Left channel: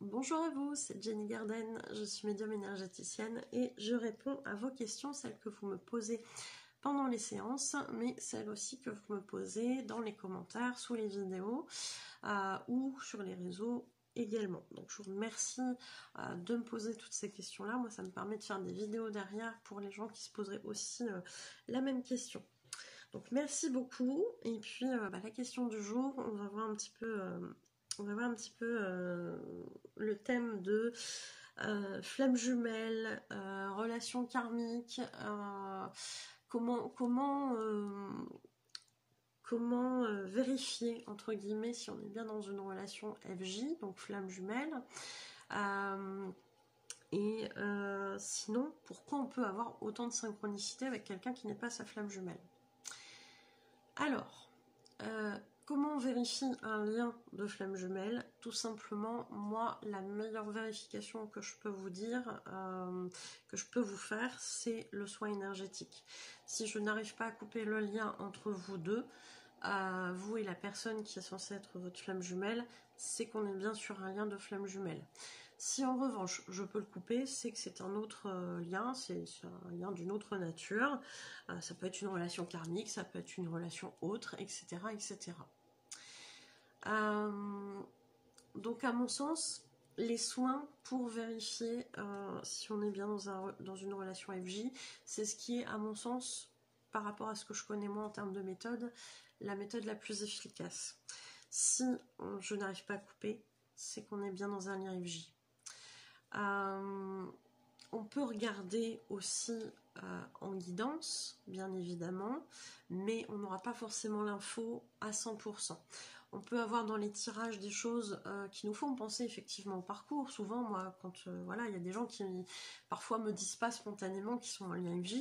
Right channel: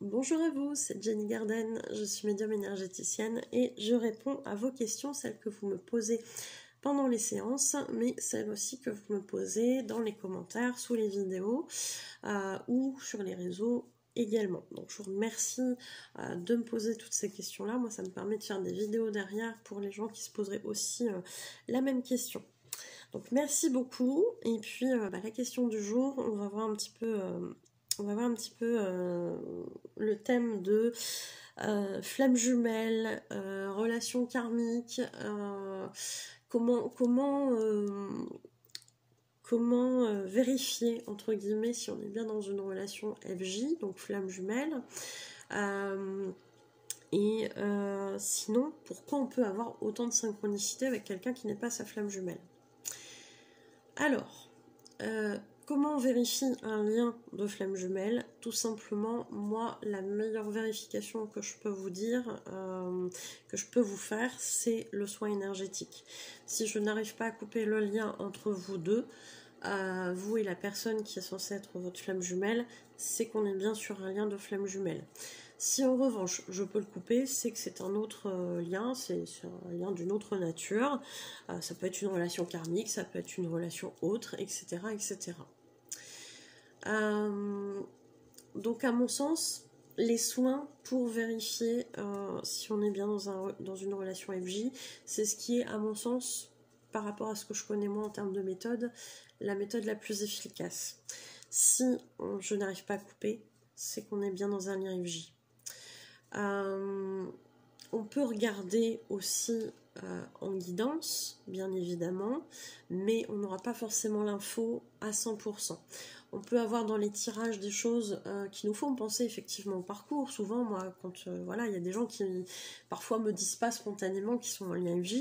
Bonjour à vous, c'est Jenny Garden, je suis médium énergéticienne et je réponds à vos questions, celles que vous me posez pendant les séances, mais celles aussi que vous me posez dans les commentaires, sous les vidéos ou sur les réseaux également. Donc je vous remercie de me poser toutes ces questions-là. Moi, ça me permet de faire des vidéos derrière pour les gens qui se poseraient aussi la même question. Donc merci beaucoup. Et puis la question du jour, on va voir un petit peu, le thème de flamme jumelle, relation karmique, comment vérifier entre guillemets si on est bien dans une relation FJ, donc flamme jumelle. Sinon, pourquoi on peut avoir autant de synchronicité avec quelqu'un qui n'est pas sa flamme jumelle? Alors, comment on vérifie un lien de flamme jumelle? Tout simplement, moi, la meilleure vérification que je peux vous dire, que je peux vous faire, c'est le soin énergétique. Si je n'arrive pas à couper le lien entre vous deux, vous et la personne qui est censée être votre flamme jumelle, c'est qu'on est bien sur un lien de flamme jumelle. Si en revanche je peux le couper, c'est que c'est un autre lien, c'est un lien d'une autre nature. Ça peut être une relation karmique, ça peut être une relation autre, etc. etc. Donc à mon sens, les soins pour vérifier si on est bien dans une relation FJ, c'est ce qui est à mon sens, par rapport à ce que je connais moi en termes de méthode, la méthode la plus efficace. Si je n'arrive pas à couper, c'est qu'on est bien dans un lien FJ. On peut regarder aussi en guidance, bien évidemment, mais on n'aura pas forcément l'info à 100%. On peut avoir dans les tirages des choses qui nous font penser effectivement au parcours. Souvent, moi, quand il y a des gens qui parfois me disent pas spontanément qu'ils sont en lien FJ,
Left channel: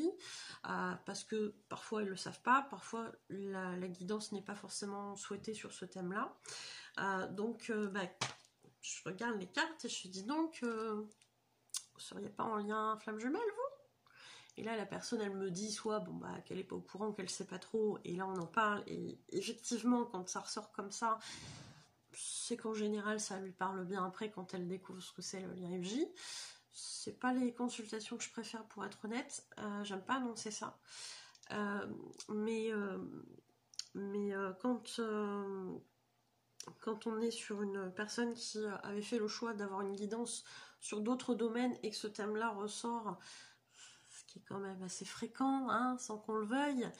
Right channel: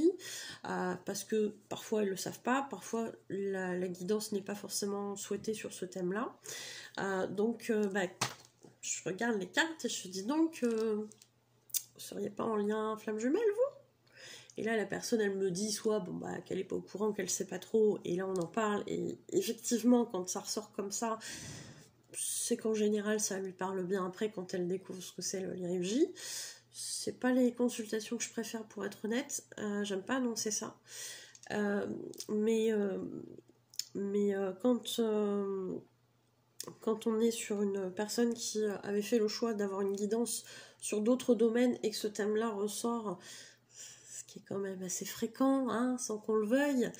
parce que parfois ils le savent pas, parfois la guidance n'est pas forcément souhaitée sur ce thème-là. Je regarde les cartes et je dis donc, vous seriez pas en lien flamme jumelle, vous? Et là, la personne, elle me dit soit qu'elle est pas au courant, qu'elle sait pas trop, et là on en parle, et effectivement, quand ça ressort comme ça, c'est qu'en général, ça lui parle bien après quand elle découvre ce que c'est le lien FJ. C'est pas les consultations que je préfère pour être honnête, j'aime pas annoncer ça. Quand on est sur une personne qui avait fait le choix d'avoir une guidance sur d'autres domaines et que ce thème-là ressort, ce qui est quand même assez fréquent, hein, sans qu'on le veuille,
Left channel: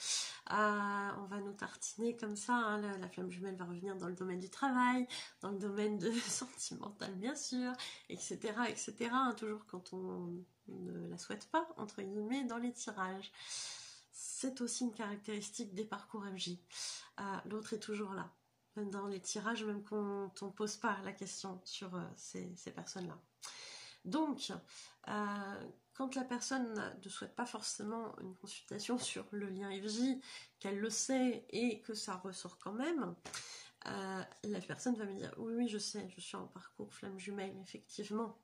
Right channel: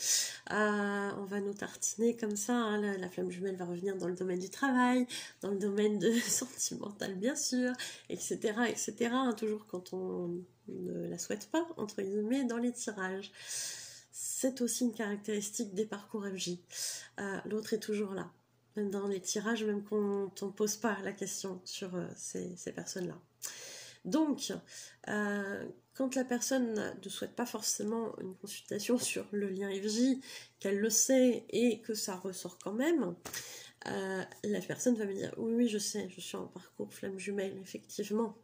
on va nous tartiner comme ça, hein, la flamme jumelle va revenir dans le domaine du travail, dans le domaine de sentimental bien sûr, etc., etc., hein, toujours quand on ne la souhaite pas, entre guillemets, dans les tirages. C'est aussi une caractéristique des parcours FJ. L'autre est toujours là. Même dans les tirages, même quand on ne pose pas la question sur ces personnes-là. Donc, quand la personne ne souhaite pas forcément une consultation sur le lien FJ, qu'elle le sait et que ça ressort quand même, la personne va me dire « Oui, je sais, je suis en parcours flamme jumelle, effectivement. »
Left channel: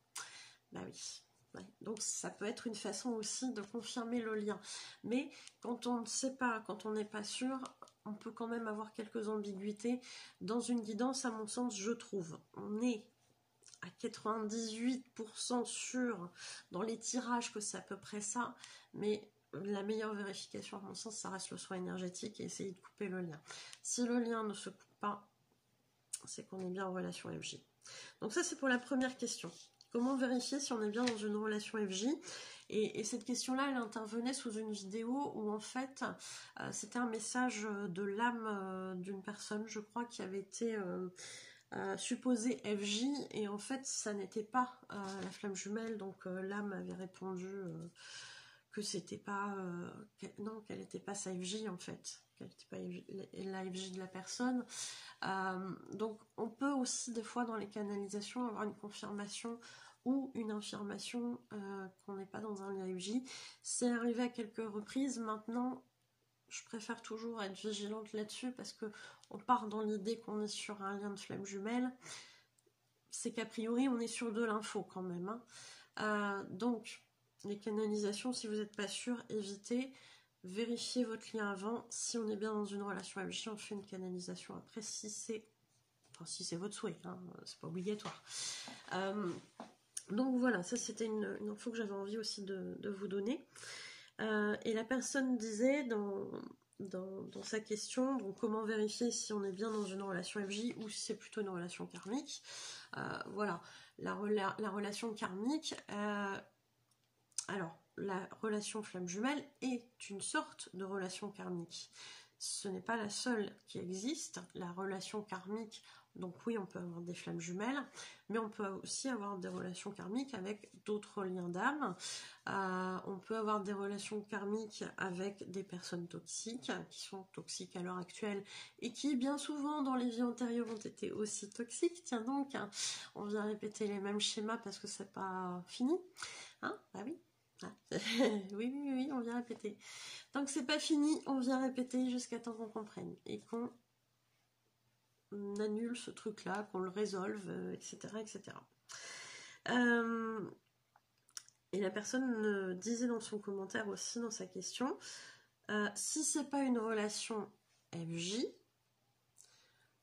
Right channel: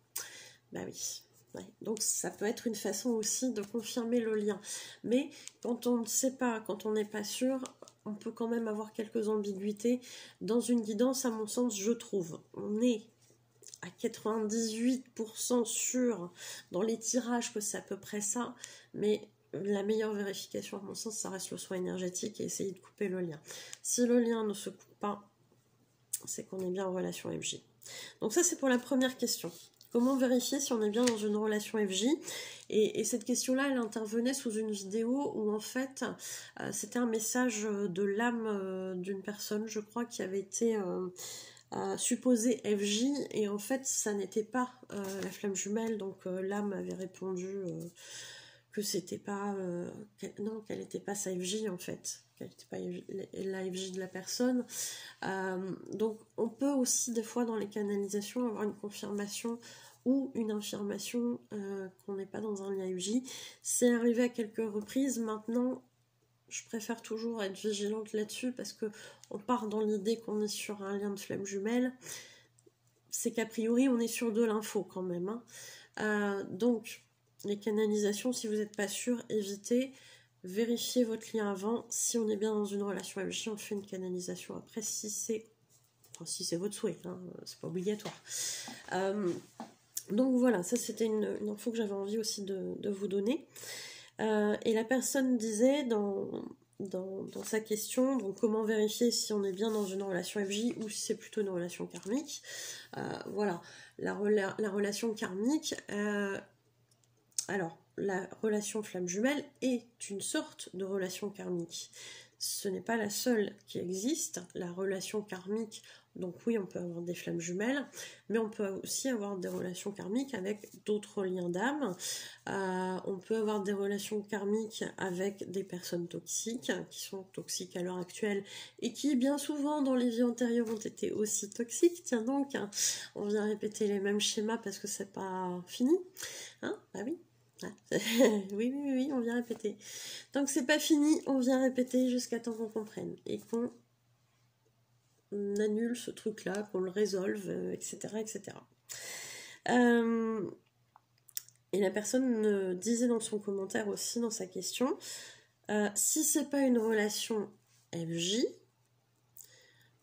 Bah oui. Ouais. Donc ça peut être une façon aussi de confirmer le lien. Mais quand on ne sait pas, quand on n'est pas sûr, on peut quand même avoir quelques ambiguïtés. Dans une guidance, à mon sens, je trouve, on est à 98% sûr dans les tirages que c'est à peu près ça, mais la meilleure vérification, à mon sens, ça reste le soin énergétique et essayer de couper le lien. Si le lien ne se coupe pas, c'est qu'on est bien en relation FJ. Donc ça, c'est pour la première question. Comment vérifier si on est bien dans une relation FJ? Et cette question-là, elle intervenait sous une vidéo où en fait, c'était un message de l'âme d'une personne, je crois, qui avait été supposée FJ, et en fait, ça n'était pas la flamme jumelle, donc l'âme avait répondu que c'était pas... qu'elle n'était pas sa FJ en fait, qu'elle n'était pas la FJ de la personne. Donc on peut aussi des fois dans les canalisations avoir une confirmation ou une affirmation qu'on n'est pas dans un lien FJ. C'est arrivé à quelques reprises. Maintenant, je préfère toujours être vigilante là-dessus parce que on part dans l'idée qu'on est sur un lien de flamme jumelle. C'est qu'a priori, on est sur de l'info quand même. Hein. Donc, les canalisations, si vous n'êtes pas sûr, évitez. Vérifiez votre lien avant. Si on est bien dans une relation FJ, on fait une canalisation après si c'est votre souhait, hein, c'est pas obligatoire. Donc voilà, ça c'était une info que j'avais envie aussi de vous donner. Et la personne disait dans sa question, donc comment vérifier si on est bien dans une relation FJ ou si c'est plutôt une relation karmique. Voilà, la relation karmique, alors la relation flamme jumelle est une sorte de relation karmique. Ce n'est pas la seule qui existe, la relation karmique. Donc oui, on peut avoir des flammes jumelles, mais on peut aussi avoir des relations karmiques avec d'autres liens d'âme. On peut avoir des relations karmiques avec des personnes toxiques, qui sont toxiques à l'heure actuelle, et qui bien souvent dans les vies antérieures ont été aussi toxiques. Tiens donc, hein, on vient répéter les mêmes schémas parce que c'est pas fini. Hein? Bah oui. Oui, on vient répéter. Tant que c'est pas fini, on vient répéter jusqu'à temps qu'on comprenne et qu'on annule ce truc-là, qu'on le résolve, etc., etc. Et la personne disait dans son commentaire aussi, dans sa question, si c'est pas une relation FJ,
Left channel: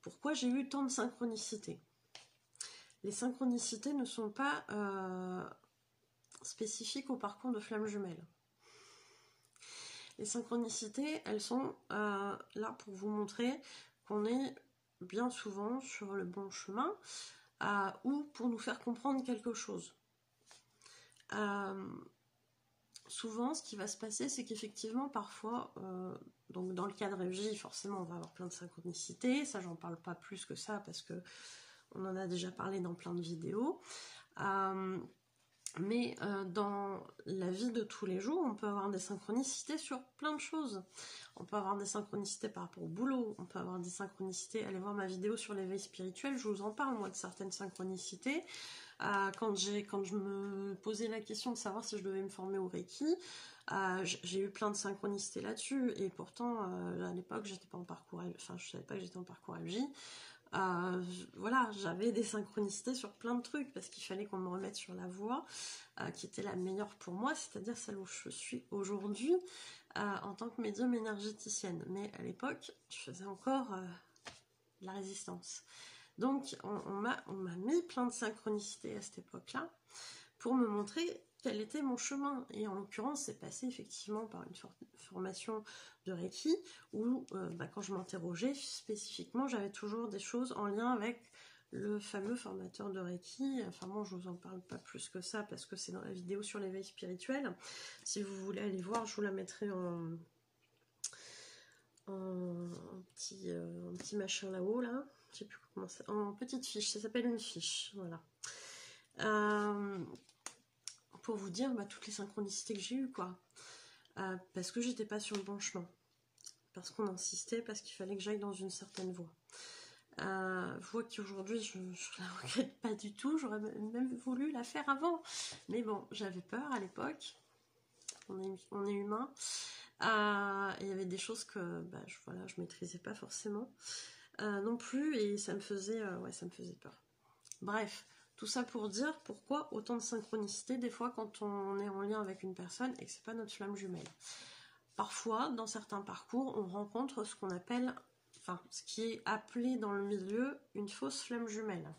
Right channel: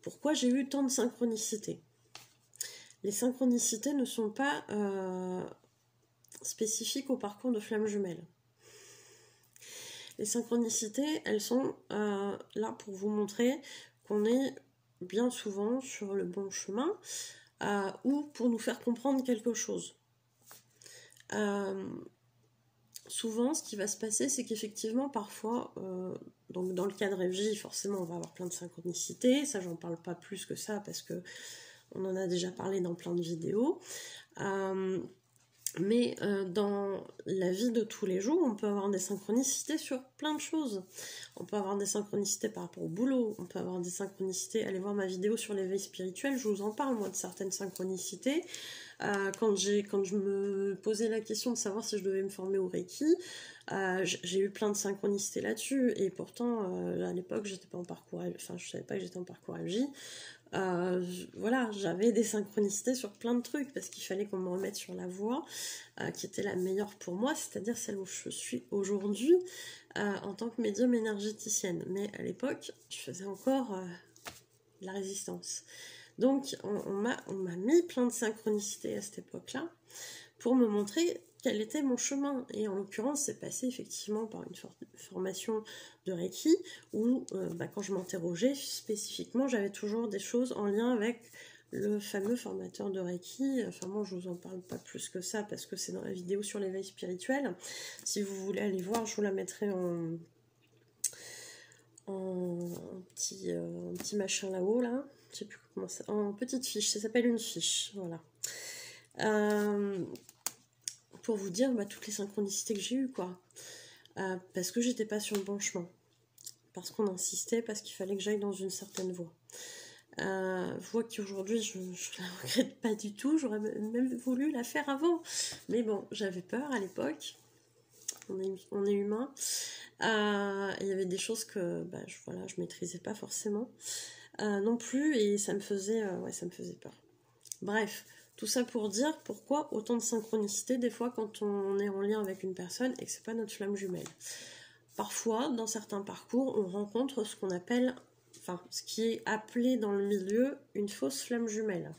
pourquoi j'ai eu tant de synchronicité? Les synchronicités ne sont pas spécifiques au parcours de flamme jumelle. Les synchronicités, elles sont là pour vous montrer qu'on est bien souvent sur le bon chemin ou pour nous faire comprendre quelque chose. Souvent, ce qui va se passer, c'est qu'effectivement, parfois, donc dans le cadre FJ, forcément, on va avoir plein de synchronicités. Ça, j'en parle pas plus que ça parce que on en a déjà parlé dans plein de vidéos. Mais dans la vie de tous les jours, on peut avoir des synchronicités sur plein de choses. On peut avoir des synchronicités par rapport au boulot, on peut avoir des synchronicités, allez voir ma vidéo sur l'éveil spirituel, je vous en parle moi de certaines synchronicités. Quand je me posais la question de savoir si je devais me former au Reiki, j'ai eu plein de synchronicités là-dessus, et pourtant à l'époque j'étais pas en parcours, enfin je savais pas que j'étais en parcours FJ. Voilà, j'avais des synchronicités sur plein de trucs parce qu'il fallait qu'on me remette sur la voie qui était la meilleure pour moi, c'est-à-dire celle où je suis aujourd'hui en tant que médium énergéticienne. Mais à l'époque, je faisais encore de la résistance. Donc, on m'a mis plein de synchronicités à cette époque-là pour me montrer quel était mon chemin. Et en l'occurrence, c'est passé effectivement par une formation de Reiki où, quand je m'interrogeais spécifiquement, j'avais toujours des choses en lien avec le fameux formateur de Reiki. Enfin, moi, je vous en parle pas plus que ça parce que c'est dans la vidéo sur l'éveil spirituel. Si vous voulez aller voir, je vous la mettrai en petit machin là-haut, là. Je sais plus comment ça... En petite fiche, ça s'appelle une fiche, voilà. Pour vous dire toutes les synchronicités que j'ai eues, quoi. Parce que j'étais pas sur le bon chemin. Parce qu'on insistait, parce qu'il fallait que j'aille dans une certaine voie. Voie qui aujourd'hui, je la regrette pas du tout. J'aurais même voulu la faire avant. Mais bon, j'avais peur à l'époque. On est humain. Il y avait des choses que je maîtrisais pas forcément non plus. Et ça me faisait peur. Bref. Tout ça pour dire pourquoi autant de synchronicité des fois quand on est en lien avec une personne et que c'est pas notre flamme jumelle. Parfois, dans certains parcours, on rencontre ce qu'on appelle, ce qui est appelé dans le milieu une fausse flamme jumelle.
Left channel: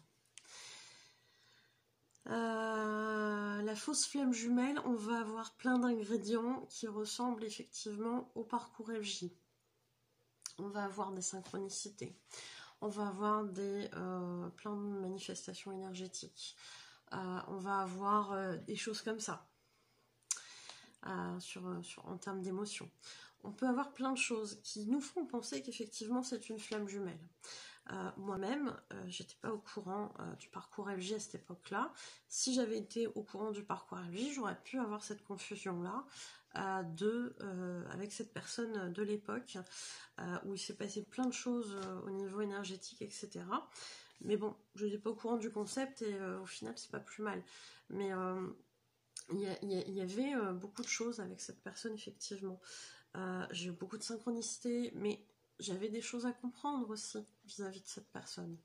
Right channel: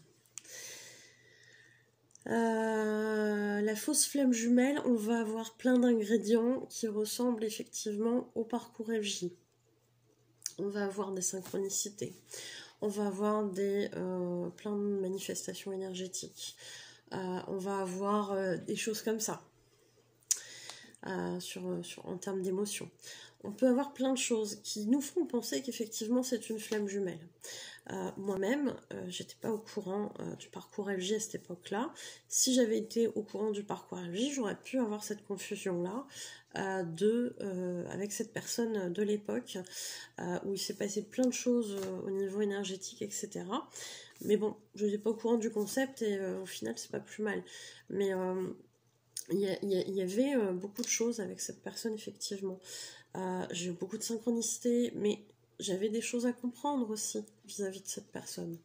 La fausse flamme jumelle, on va avoir plein d'ingrédients qui ressemblent effectivement au parcours FJ. On va avoir des synchronicités. On va avoir plein de manifestations énergétiques. On va avoir des choses comme ça en termes d'émotions. On peut avoir plein de choses qui nous font penser qu'effectivement c'est une flamme jumelle. Moi-même, j'étais pas au courant du parcours FJ à cette époque-là. Si j'avais été au courant du parcours FJ, j'aurais pu avoir cette confusion-là avec cette personne de l'époque où il s'est passé plein de choses au niveau énergétique, etc. Mais bon, je n'étais pas au courant du concept et au final, c'est pas plus mal. Mais il y avait beaucoup de choses avec cette personne, effectivement. J'ai eu beaucoup de synchronicité, mais j'avais des choses à comprendre aussi vis-à-vis de cette personne.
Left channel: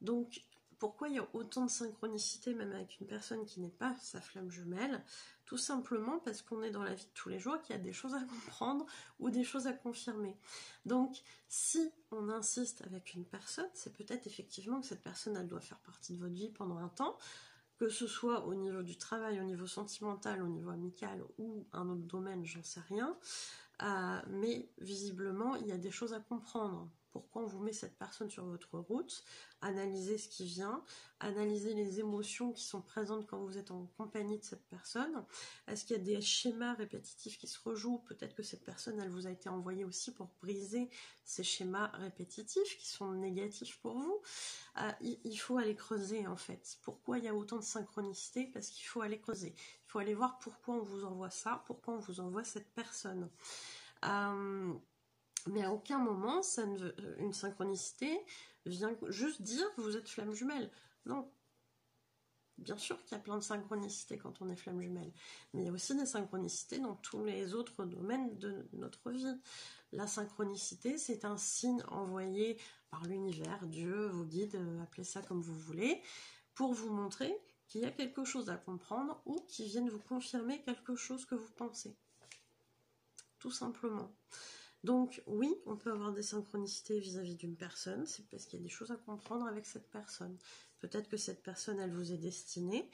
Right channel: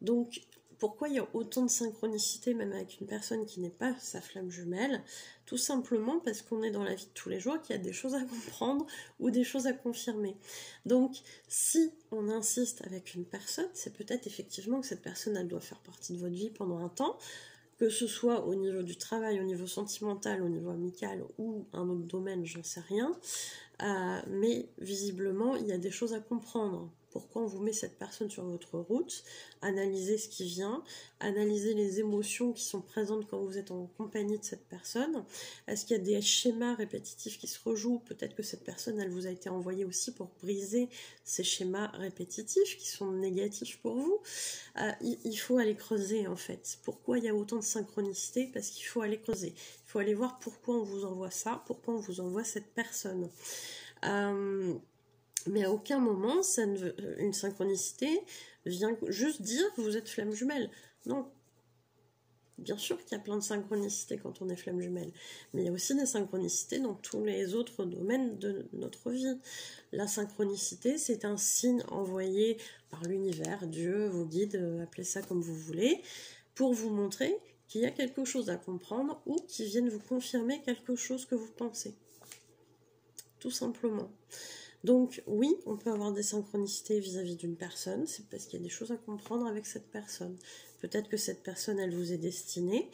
Donc, pourquoi il y a autant de synchronicité, même avec une personne qui n'est pas sa flamme jumelle? Tout simplement parce qu'on est dans la vie de tous les jours, qu'il y a des choses à comprendre ou des choses à confirmer. Donc, si on insiste avec une personne, c'est peut-être effectivement que cette personne, elle doit faire partie de votre vie pendant un temps, que ce soit au niveau du travail, au niveau sentimental, au niveau amical ou un autre domaine, j'en sais rien. Mais visiblement, il y a des choses à comprendre. Pourquoi on vous met cette personne sur votre route? Analysez ce qui vient, analysez les émotions qui sont présentes quand vous êtes en compagnie de cette personne. Est-ce qu'il y a des schémas répétitifs qui se rejouent? Peut-être que cette personne, elle vous a été envoyée aussi pour briser ces schémas répétitifs qui sont négatifs pour vous. Il faut aller creuser en fait. Pourquoi il y a autant de synchronicité? Parce qu'il faut aller creuser. Il faut aller voir pourquoi on vous envoie ça, pourquoi on vous envoie cette personne. Mais à aucun moment, une synchronicité vient juste dire que vous êtes flamme jumelle. Non. Bien sûr qu'il y a plein de synchronicités quand on est flamme jumelle, mais il y a aussi des synchronicités dans tous les autres domaines de notre vie. La synchronicité, c'est un signe envoyé par l'univers, Dieu, vos guides, appelez ça comme vous voulez, pour vous montrer qu'il y a quelque chose à comprendre ou qui viennent vous confirmer quelque chose que vous pensez. Tout simplement. Donc oui, on peut avoir des synchronicités vis-à-vis d'une personne, c'est parce qu'il y a des choses à comprendre avec cette personne. Peut-être que cette personne, elle vous est destinée,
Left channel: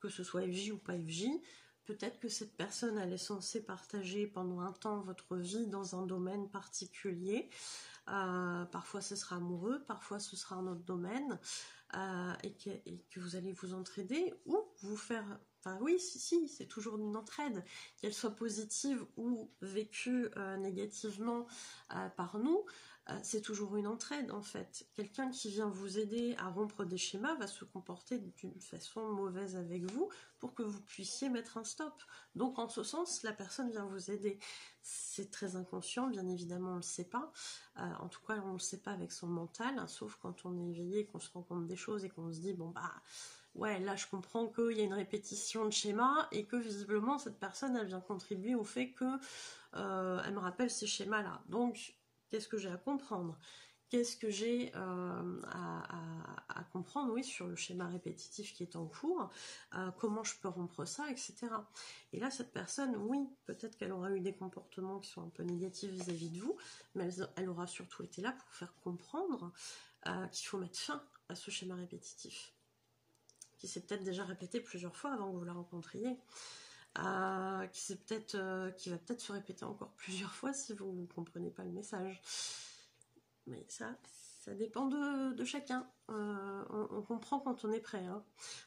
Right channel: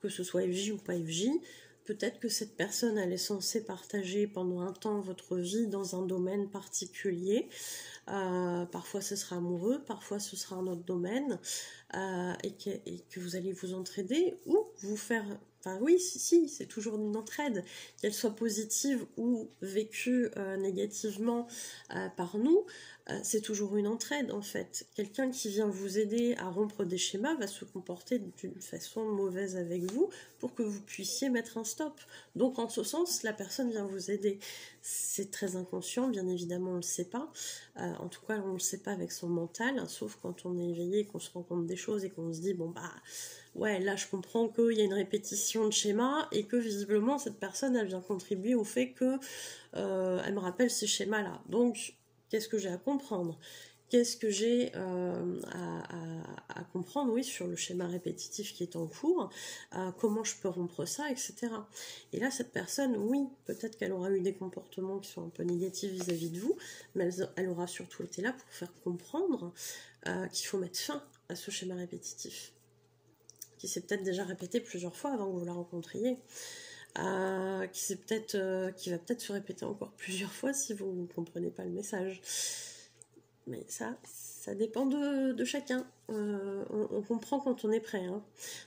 que ce soit FJ ou pas FJ, peut-être que cette personne, elle est censée partager pendant un temps votre vie dans un domaine particulier. Parfois ce sera amoureux, parfois ce sera un autre domaine, et que vous allez vous entraider ou vous faire... Enfin oui, si, c'est toujours une entraide, qu'elle soit positive ou vécue négativement par nous, c'est toujours une entraide en fait. Quelqu'un qui vient vous aider à rompre des schémas va se comporter d'une façon mauvaise avec vous pour que vous puissiez mettre un stop. Donc en ce sens, la personne vient vous aider. C'est très inconscient, bien évidemment on ne le sait pas. En tout cas, on ne le sait pas avec son mental, hein, sauf quand on est éveillé, qu'on se rend compte des choses et qu'on se dit, bon bah... ouais, là je comprends qu'il y a une répétition de schémas et que visiblement cette personne elle vient contribuer au fait que elle me rappelle ces schémas là. Donc qu'est-ce que j'ai à comprendre? Qu'est-ce que j'ai à comprendre, oui, sur le schéma répétitif qui est en cours, comment je peux rompre ça, etc. Et là, cette personne, oui, peut-être qu'elle aura eu des comportements qui sont un peu négatifs vis-à-vis de vous, mais elle aura surtout été là pour faire comprendre qu'il faut mettre fin à ce schéma répétitif, qui s'est peut-être déjà répété plusieurs fois avant que vous la rencontriez, qui va peut-être se répéter encore plusieurs fois si vous ne comprenez pas le message. Mais ça dépend de chacun. On comprend quand on est prêt, hein,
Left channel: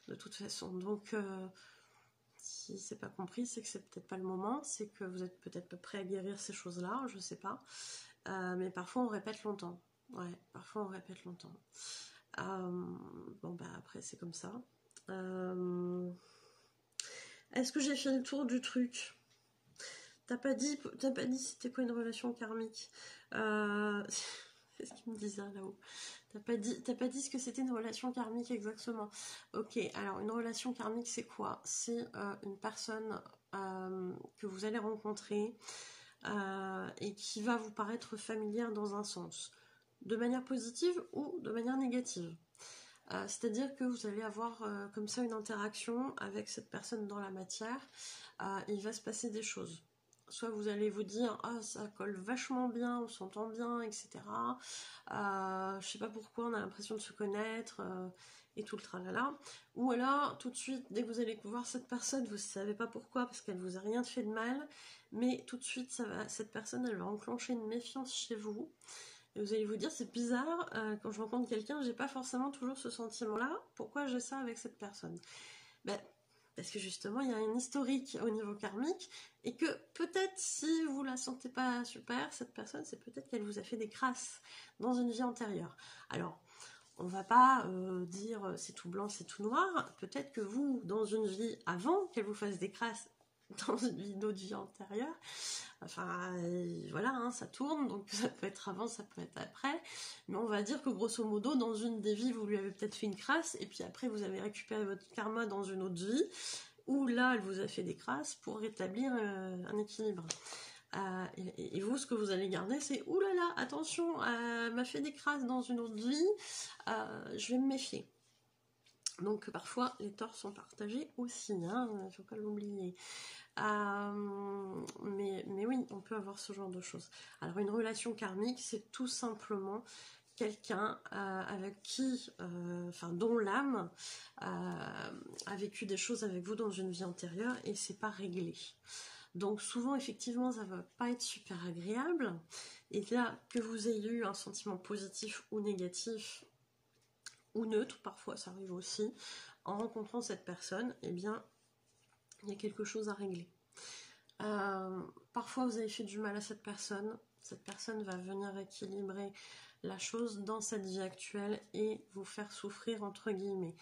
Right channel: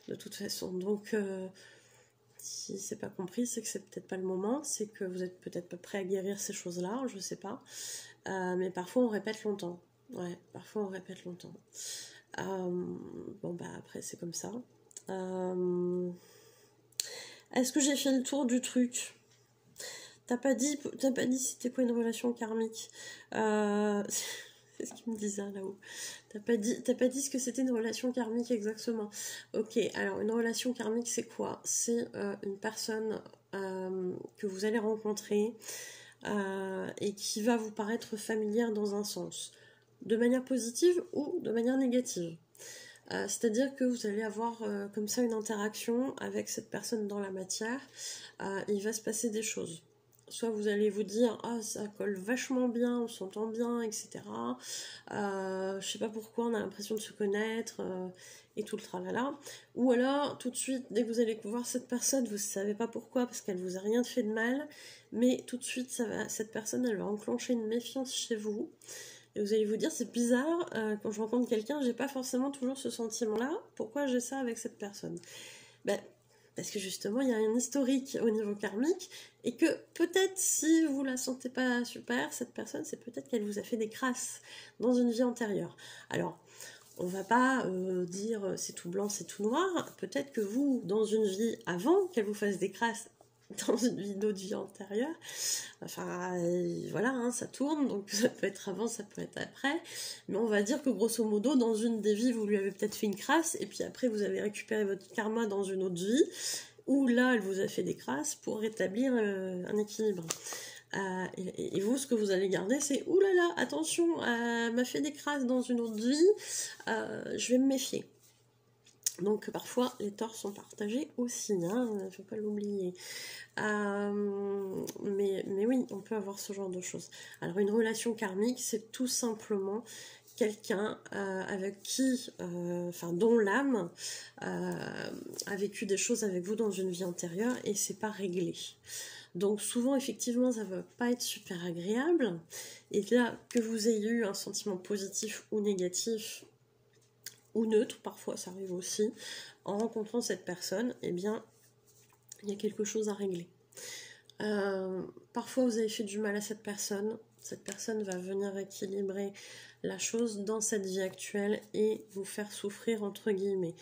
de toute façon. Donc, si c'est pas compris, c'est que c'est peut-être pas le moment, c'est que vous êtes peut-être pas prêt à guérir ces choses-là, je sais pas. Mais parfois on répète longtemps. Ouais, parfois on répète longtemps. Bon bah après c'est comme ça. Est-ce que j'ai fait le tour du truc? T'as pas dit c'était quoi une relation karmique? C'est ce qu'il me disait là-haut. T'as pas dit ce que c'était une relation karmique exactement. Ok, alors une relation karmique c'est quoi? C'est une personne que vous allez rencontrer et qui va vous paraître familière dans un sens, de manière positive ou de manière négative. C'est-à-dire que vous allez avoir comme ça une interaction avec cette personne dans la matière, il va se passer des choses. Soit vous allez vous dire « Ah, ça colle vachement bien, on s'entend bien, etc. Je sais pas pourquoi, on a l'impression de se connaître, et tout le tralala. » Ou alors, tout de suite, dès que vous allez voir cette personne, vous ne savez pas pourquoi, parce qu'elle vous a rien fait de mal, mais tout de suite, cette personne, elle va enclencher une méfiance chez vous. Et vous allez vous dire, c'est bizarre, quand je rencontre quelqu'un, j'ai pas forcément toujours ce sentiment-là. Pourquoi j'ai ça avec cette personne? Parce que justement, il y a un historique au niveau karmique, et que peut-être, si vous la sentez pas super, cette personne, c'est peut-être qu'elle vous a fait des crasses dans une vie antérieure. Alors, on va pas dire c'est tout blanc, c'est tout noir. Peut-être que vous, dans une vie avant qu'elle vous fasse des crasses, dans une autre vie antérieure, enfin voilà, hein, ça tourne, donc ça peut être avant, ça peut être après, mais on va dire que grosso modo dans une des vies vous lui avez peut-être fait une crasse et puis après vous avez récupéré votre karma dans une autre vie où là elle vous a fait des crasses pour rétablir un équilibre. Et vous, ce que vous allez garder, c'est oulala, attention, elle m'a fait des crasses dans une autre vie, je vais me méfier. Donc parfois les torts sont partagés aussi, hein, il ne faut pas l'oublier. Mais oui, on peut avoir ce genre de choses. Alors une relation karmique, c'est tout simplement quelqu'un avec qui, dont l'âme a vécu des choses avec vous dans une vie antérieure et c'est pas réglé. Donc souvent, effectivement, ça va pas être super agréable. Et là, que vous ayez eu un sentiment positif ou négatif, ou neutre, parfois ça arrive aussi, en rencontrant cette personne, eh bien, il y a quelque chose à régler. Parfois vous avez fait du mal à cette personne va venir équilibrer la chose dans cette vie actuelle et vous faire souffrir entre guillemets.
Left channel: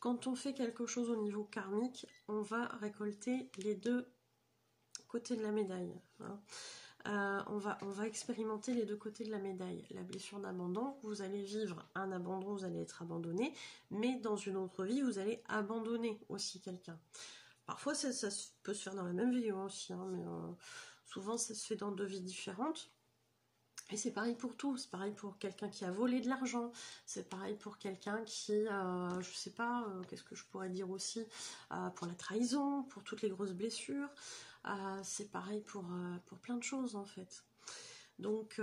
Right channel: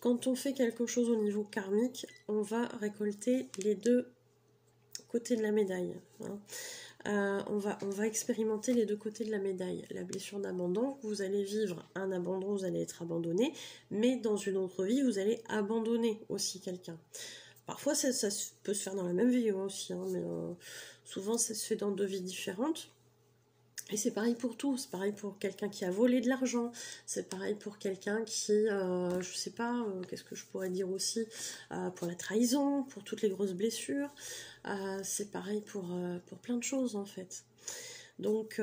Quand on fait quelque chose au niveau karmique, on va récolter les deux côtés de la médaille. On va expérimenter les deux côtés de la médaille. La blessure d'abandon, vous allez vivre un abandon, vous allez être abandonné, mais dans une autre vie, vous allez abandonner aussi quelqu'un. Parfois, ça peut se faire dans la même vie aussi, hein, mais souvent, ça se fait dans deux vies différentes. Et c'est pareil pour tout, c'est pareil pour quelqu'un qui a volé de l'argent, c'est pareil pour quelqu'un qui, je sais pas, qu'est-ce que je pourrais dire aussi, pour la trahison, pour toutes les grosses blessures, c'est pareil pour plein de choses en fait. Donc,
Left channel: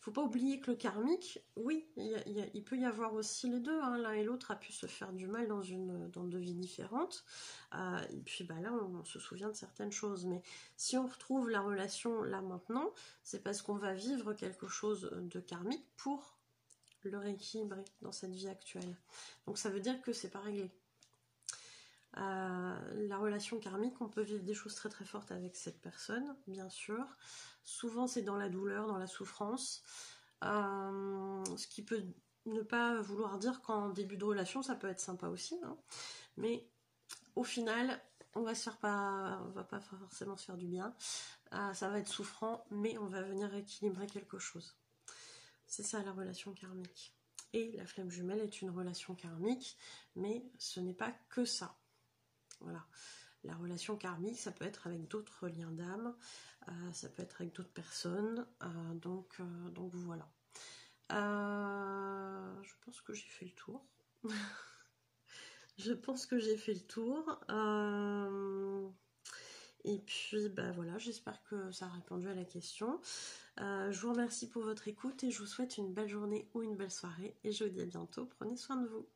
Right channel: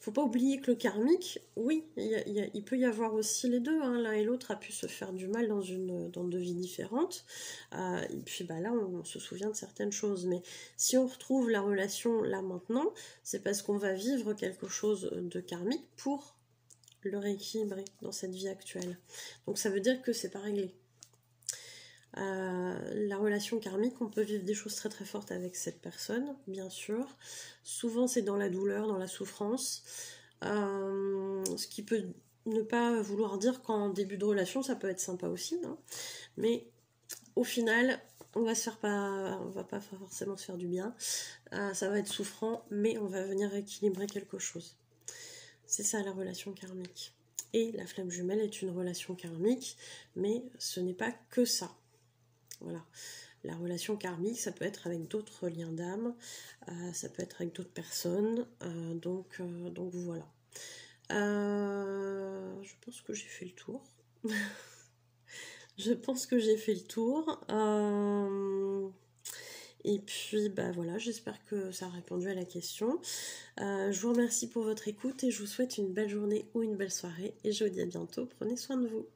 faut pas oublier que le karmique, oui, il peut y avoir aussi les deux, hein, l'un et l'autre a pu se faire du mal dans deux vies différentes, et puis là on se souvient de certaines choses, mais si on retrouve la relation là maintenant, c'est parce qu'on va vivre quelque chose de karmique pour le rééquilibrer dans cette vie actuelle. Donc ça veut dire que c'est pas réglé. La relation karmique, on peut vivre des choses très très fortes avec cette personne, bien sûr. Souvent c'est dans la douleur, dans la souffrance, ce qui peut ne pas vouloir dire qu'en début de relation ça peut être sympa aussi, hein. Mais au final on va pas forcément se faire du bien, ça va être souffrant, mais on va venir équilibrer quelque chose. C'est ça la relation karmique. Et la flamme jumelle est une relation karmique, mais ce n'est pas que ça. Voilà, la relation karmique, ça peut être avec d'autres liens d'âme, ça peut être avec d'autres personnes, donc voilà. Je pense que j'ai fait le tour. Je pense que j'ai fait le tour. Et puis, voilà, j'espère que ça a répondu à la question. Je vous remercie pour votre écoute et je vous souhaite une belle journée ou une belle soirée. Et je vous dis à bientôt. Prenez soin de vous.